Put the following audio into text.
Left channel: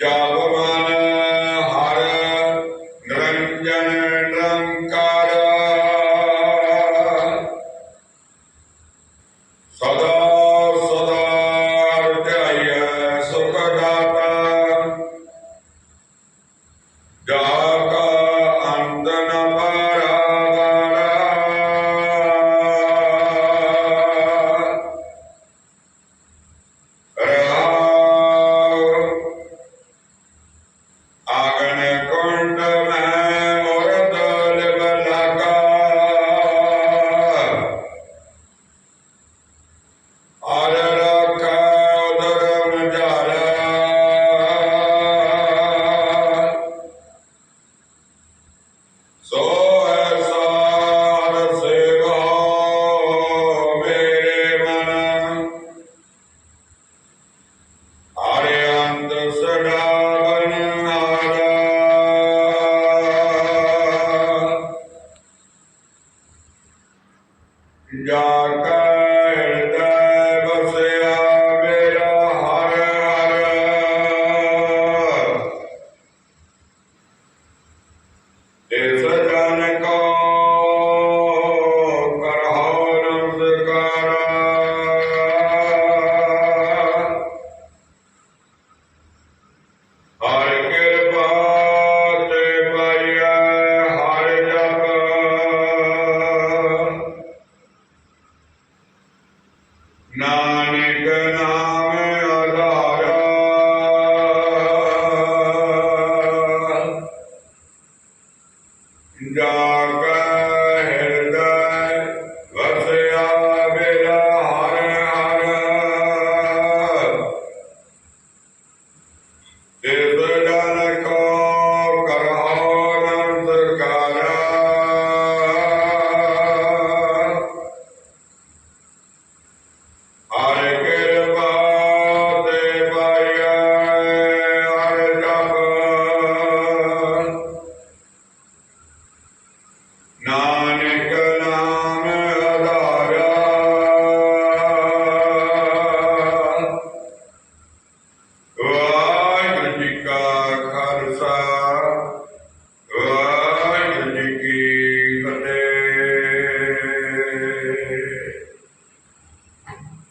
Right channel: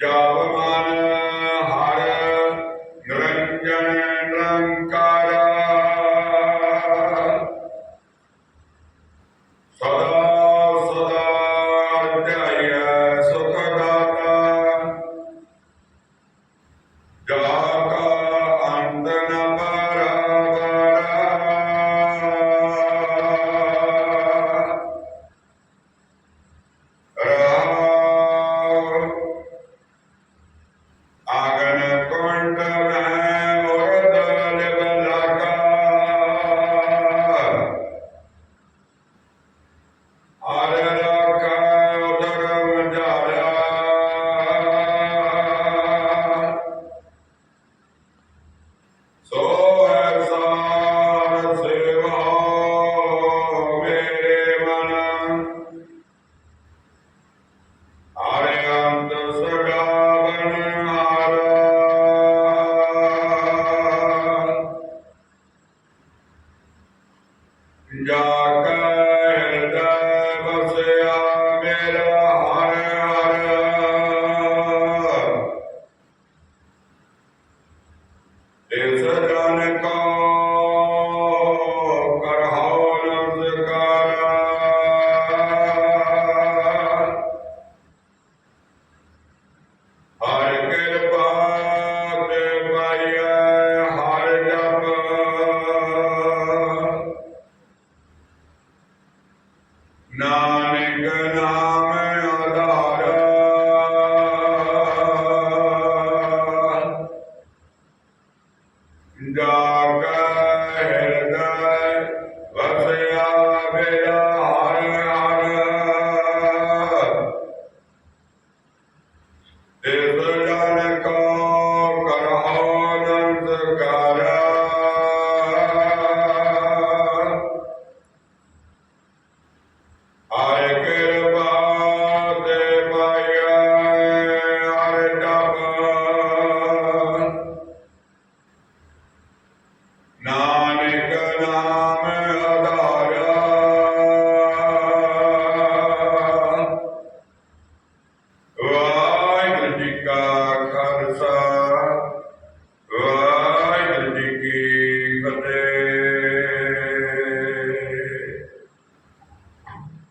ਜਾਵਮਾਨ Har Niranjan Nirankar Amen. Exactly. Amen. Dark